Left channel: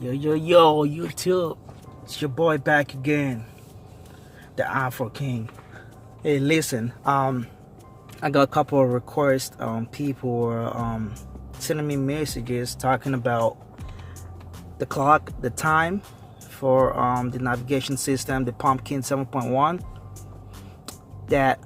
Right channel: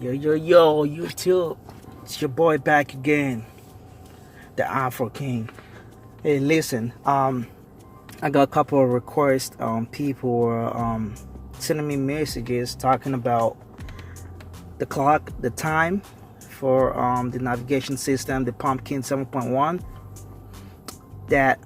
Yo, YouTube. It's your boy back again, the Afro King. Hey, listen, I got a couple of requests. People were sending me messages talking about the clock, the time for the navigation system, the Pumpkin 7.1. That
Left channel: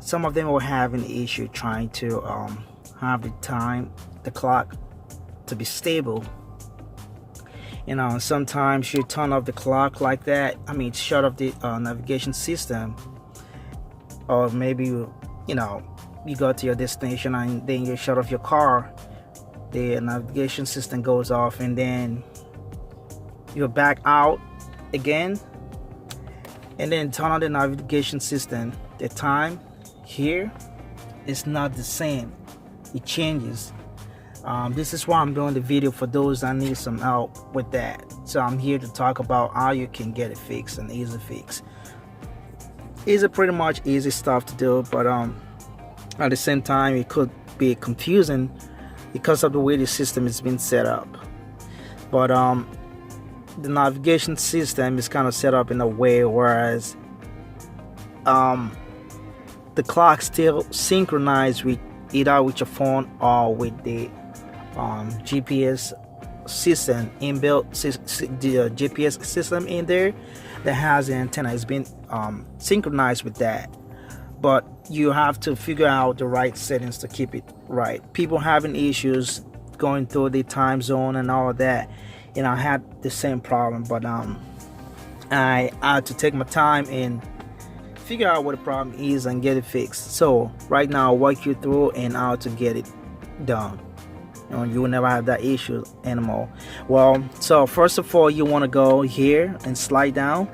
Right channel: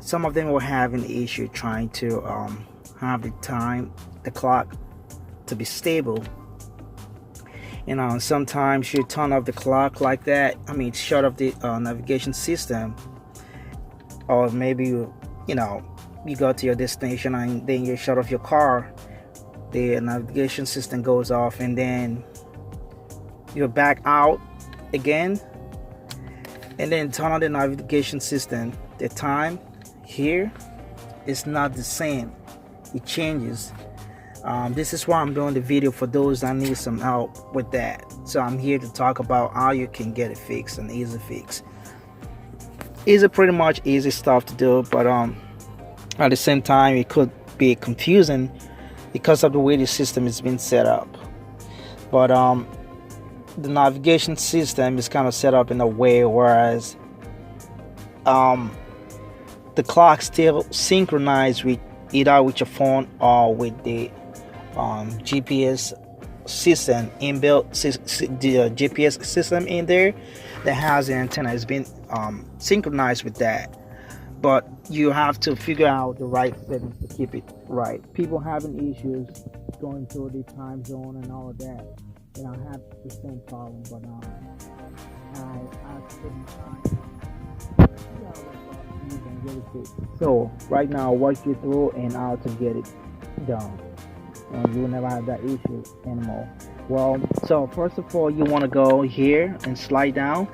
some of them were having issue trying to have the time, the clock, to be stable. Sometimes you turn off the clock like that. Shut off the navigation system, or maybe you go to your destination and then you shut off your car. The navigation system goes off, and then you're back out again, and then turn on the navigation system. The time here is not the same. It changes. This is why I'm doing the video for those that need some help with that. So I'm here to talk about how you can get it fixed, an easy fix. It's pretty much easy stuff to do, but at the same time it could be confusing because of the way the system is being set up. But the navigation system is kind of set up in a way whereas the clock still synchronized with either with your phone or with the GPS system inbuilt, the GPS system in there that has an antenna has been synchronized with that. But you have to figure out the right settings to keep it right. People having issues going through the time zone and all of that. I had the same problem, but I had to take my time and figure out what the problem is and get it fixed. So right now I'll walk you through and how to get it done. You will never have that issue anymore. Well, so first of all, you want to go here and slide down,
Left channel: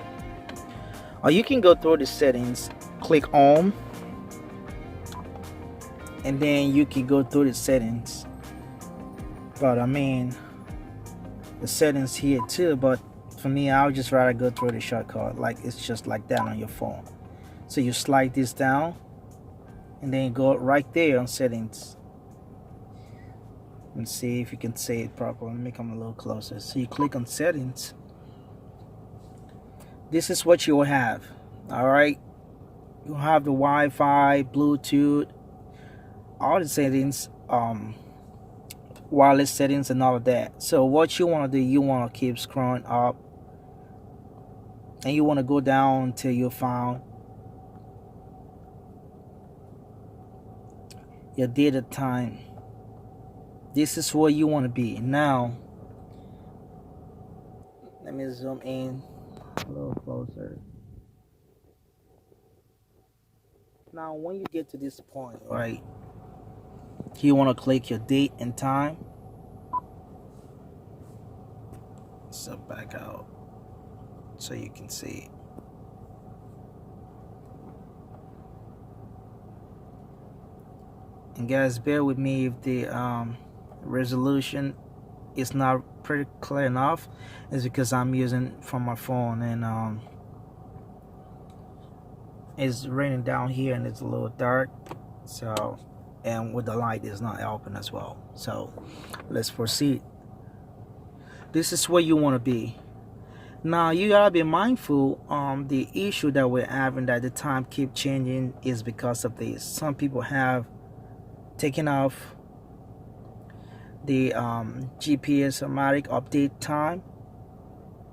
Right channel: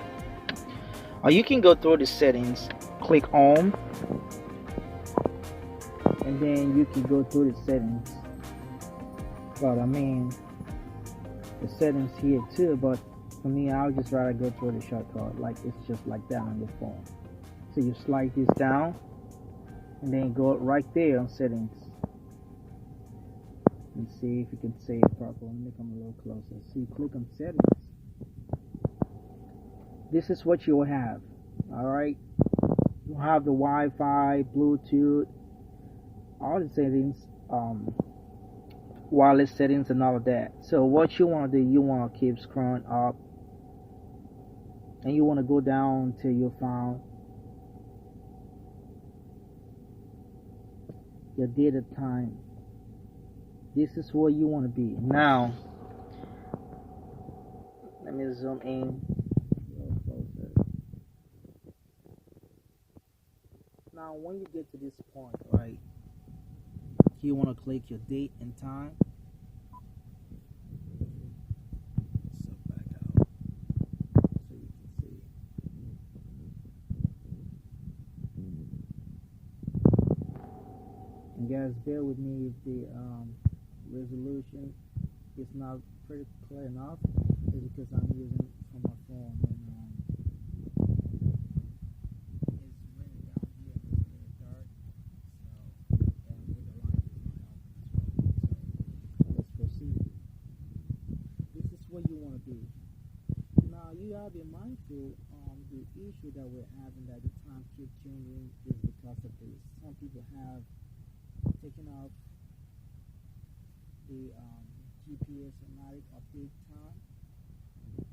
or you can go through the settings, click home, and then you can go through the settings. But the settings here too, but for me I would just rather go through the shortcut, like it's just like that on your phone. So you slide this down and then go right there on settings and see if you can see it properly. Let me come a little closer. So you click on settings. This is what you will have. Alright, you have the Wi-Fi, Bluetooth, all the settings, wireless settings and all of that. So what you want to do, you want to keep scrolling up and you want to go down until you found your data time. This is where you want to be. Now let me zoom in a little closer. Now when you get to this point, right, you want to click your date and time. So back out so you can see it. And guys, bear with me if the resolution is not pretty clear enough. It's because I'm using from my phone, and it's raining down here and it's a little dark, so, and with the light is not helping as well. So let's proceed. This is where you want to be. Now you gotta be mindful. The issue that we're having, that the time keep changing, is because of this. Some people have taken off the GPS automatic update time.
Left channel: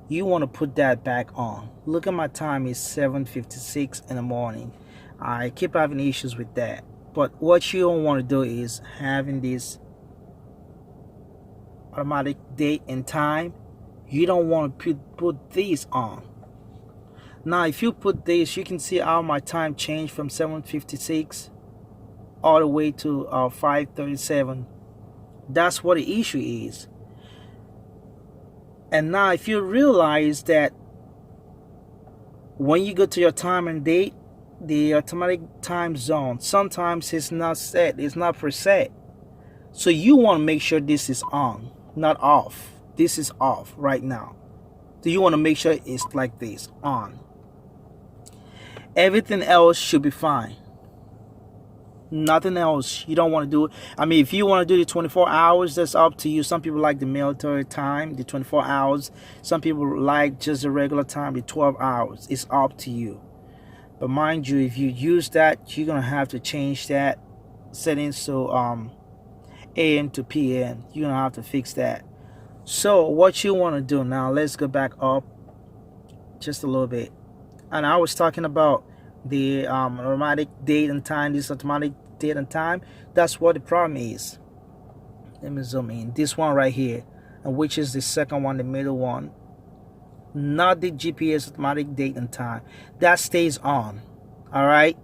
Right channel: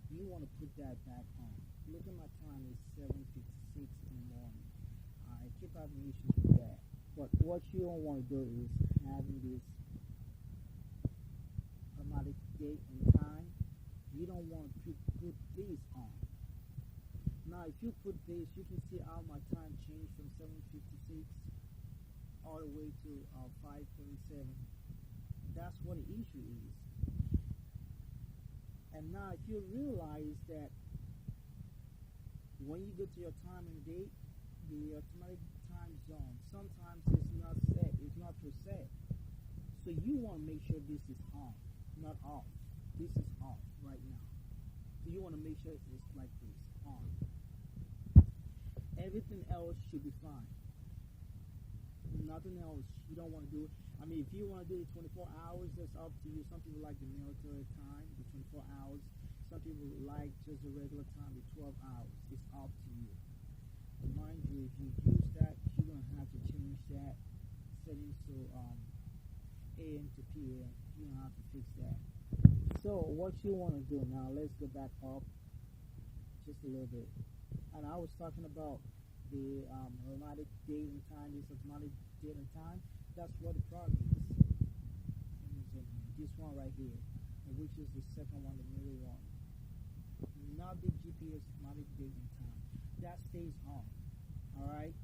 You want to put that back on. Look at my time, is 7:56 in the morning. I keep having issues with that. But what you don't want to do is having this automatic date and time. You don't want to put these on. Now if you put this, you can see how my time changed from 7:56 all the way to 5:37. That's what the issue is. And now if you realize that when you go to your time and date, the automatic time zone sometimes it's not set, it's not preset. So you want to make sure this is on, not off. This is off right now. So you want to make sure it's like this, on. Everything else should be fine. Nothing else. You don't want to do it. I mean, if you want to do the 24 hours, that's up to you. Some people like the military time, the 24 hours. Some people like just the regular time, the 12 hours. It's up to you. But mind you, if you use that, you're gonna have to change that settings to AM to PM. You're gonna have to fix that. So what you want to do now, let's go back up just a little bit. And I was talking about the automatic date and time. This automatic date and time, that's what the problem is. Let me zoom in. This one right here, and which is the second one, the middle one, not the GPS automatic date and time. That stays on. All right,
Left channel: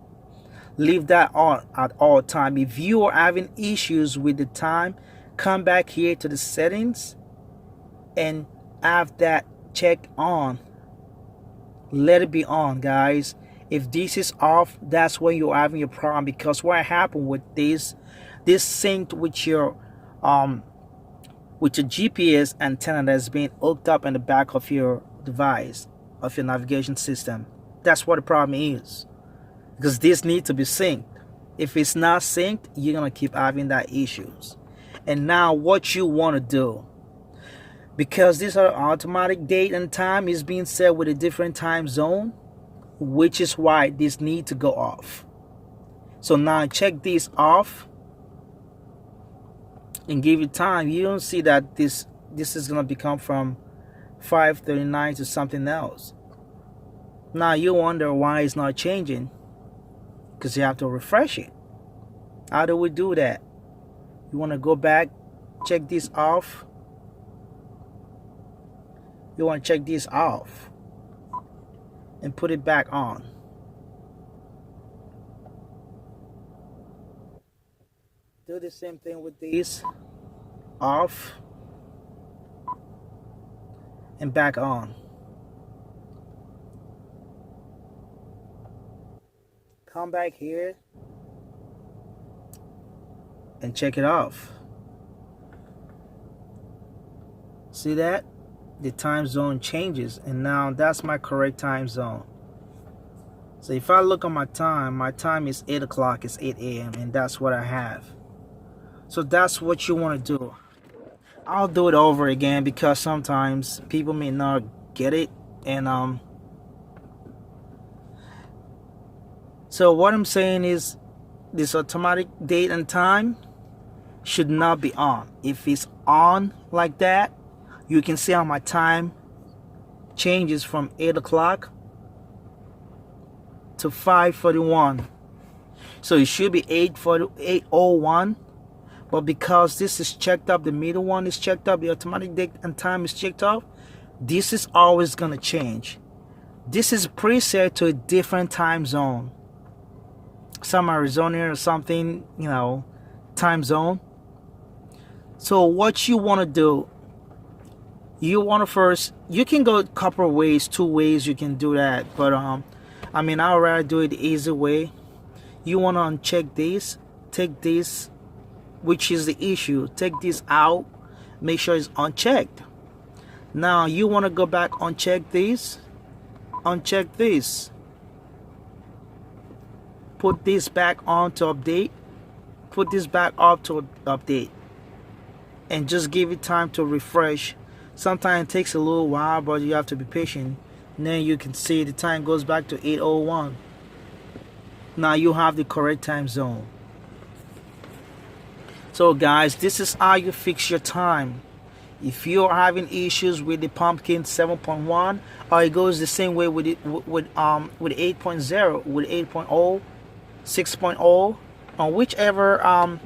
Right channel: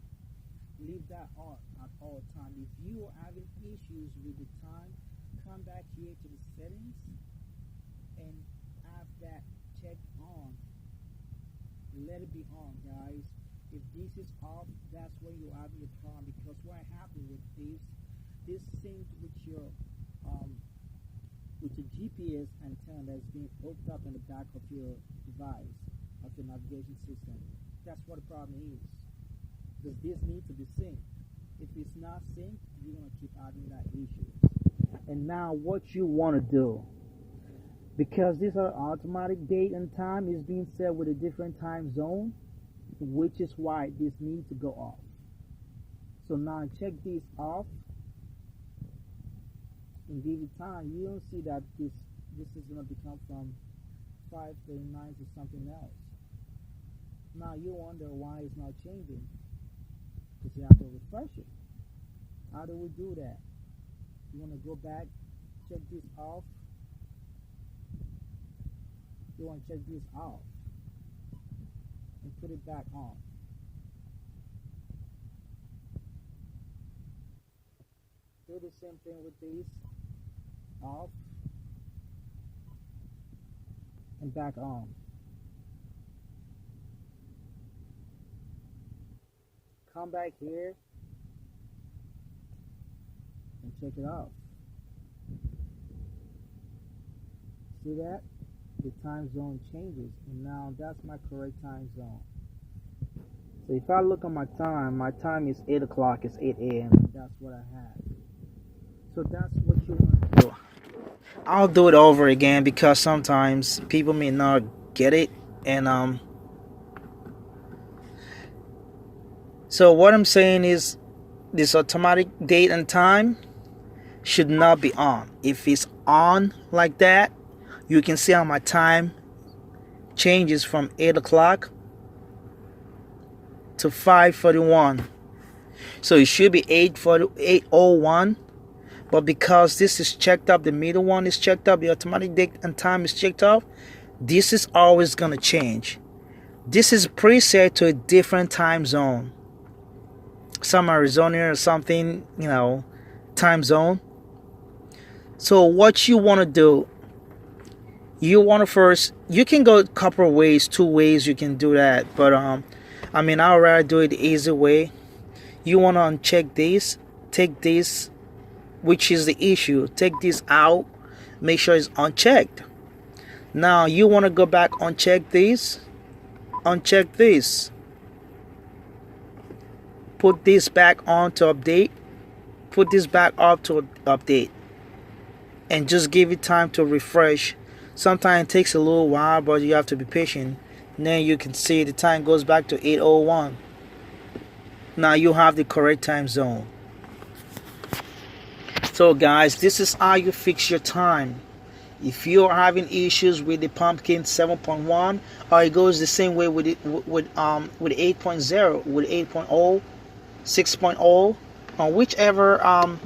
leave that on at all time. If you are having issues with the time, come back here to the settings and have that check on. Let it be on, guys. If this is off, that's when you're having a problem, because what happened with this synced with your GPS antenna that's being hooked up in the back of your device, of your navigation system. That's what the problem is, because this needs to be synced. If it's not synced, you're gonna keep having that issues. And now what you want to do, because this automatic date and time is being set with a different time zone, which is why this need to go off. So now check this off and give it time. You don't see that this is gonna become from 5:39 to something else. Now you wonder why it's not changing, because you have to refresh it. How do we do that? You want to go back, check this off. You want to check this off and put it back on. Do the same thing with these, off and back on. Come back here and check it off. See that? The time zone changes, and now that's my correct time zone. So if I look at my time is 8 o'clock, it's 8 a.m. and that's what I have. So that's what you want to do. I'll do it over again because sometimes people may not get it. And so what I'm saying is, this automatic date and time should not be on. If it's on like that, you can see how my time changes from 8 o'clock to 5:41. So it should be 8:01, but because this is checked up, the middle one is checked up, the automatic date and time is checked off, this is always gonna change. This is preset to a different time zone, some Arizona or something, time zone. So what you want to do, you want to first, you can go a couple of ways, 2 ways you can do that, but I mean, I'd rather do it the easy way. You want to uncheck this, take this, which is the issue, take this out, make sure it's unchecked. Now you want to go back, uncheck this, put this back on to update, put this back up to update, and just give it time to refresh. Sometimes it takes a little while, but you have to be patient. And then you can see the time goes back to 8:01. Now you have the correct time zone. So guys, this is how you fix your time. If you're having issues with the Pumpkin 7.1, or it goes the same way with 8.0, with 8.0, 6.0, or whichever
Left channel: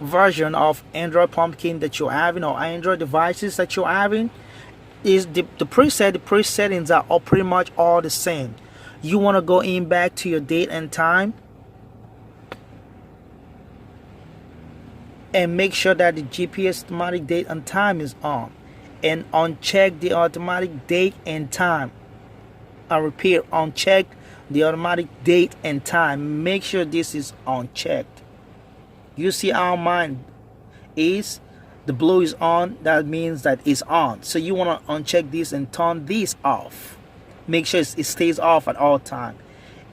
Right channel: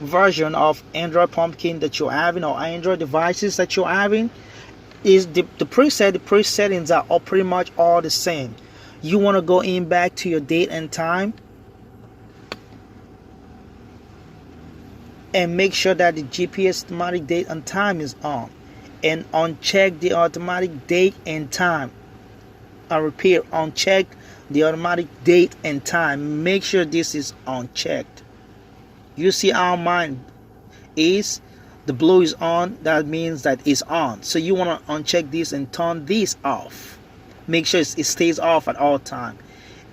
version of Android Pumpkin that you're having, or Android devices that you're having, is the preset settings are all pretty much all the same. You want to go in back to your date and time and make sure that the GPS automatic date and time is on, and uncheck the automatic date and time. I repeat, uncheck the automatic date and time. Make sure this is unchecked. You see how mine is? The blue is on, that means that it's on. So you want to uncheck this and turn this off. Make sure it stays off at all time.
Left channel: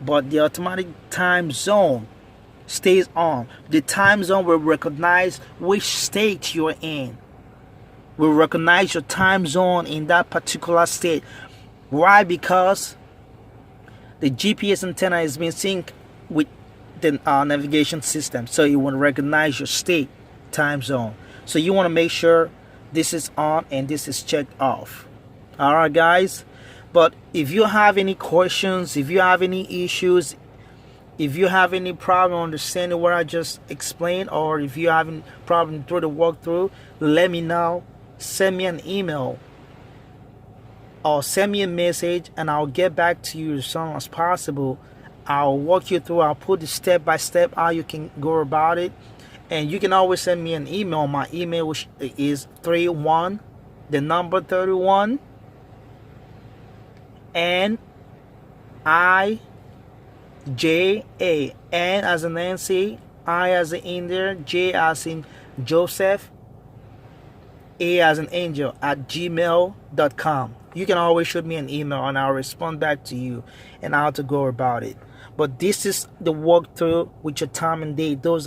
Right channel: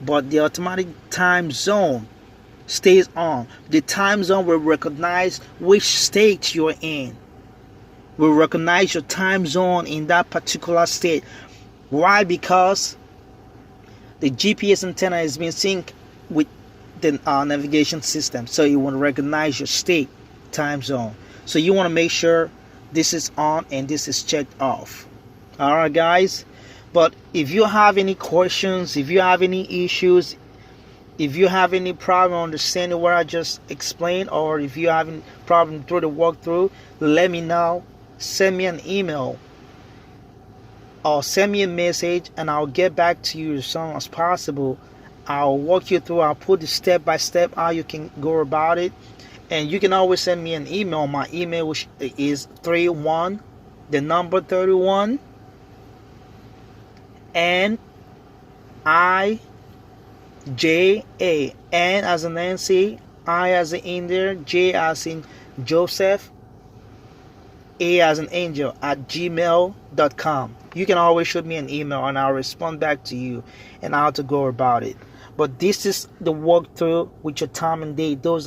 But the automatic time zone stays on. The time zone will recognize which state you're in. Will recognize your time zone in that particular state. Why? Because the GPS antenna is being synced with the navigation system, so it will recognize your state time zone. So you want to make sure this is on and this is checked off. All right, guys. But if you have any questions, if you have any issues, if you have any problem understanding what I just explained, or if you have any problem through the walkthrough, let me know. Send me an email or send me a message, and I'll get back to you as soon as possible. I'll walk you through. I'll put the step by step how you can go about it. And you can always send me an email. My email, which is 31, the number 31, NIJA, N as in Nancy, I as in India, J as in Joseph, A as an angel, at gmail.com. You can always shoot me an email and I'll respond back to you and how to go about it. But this is the walkthrough with your time and date. Those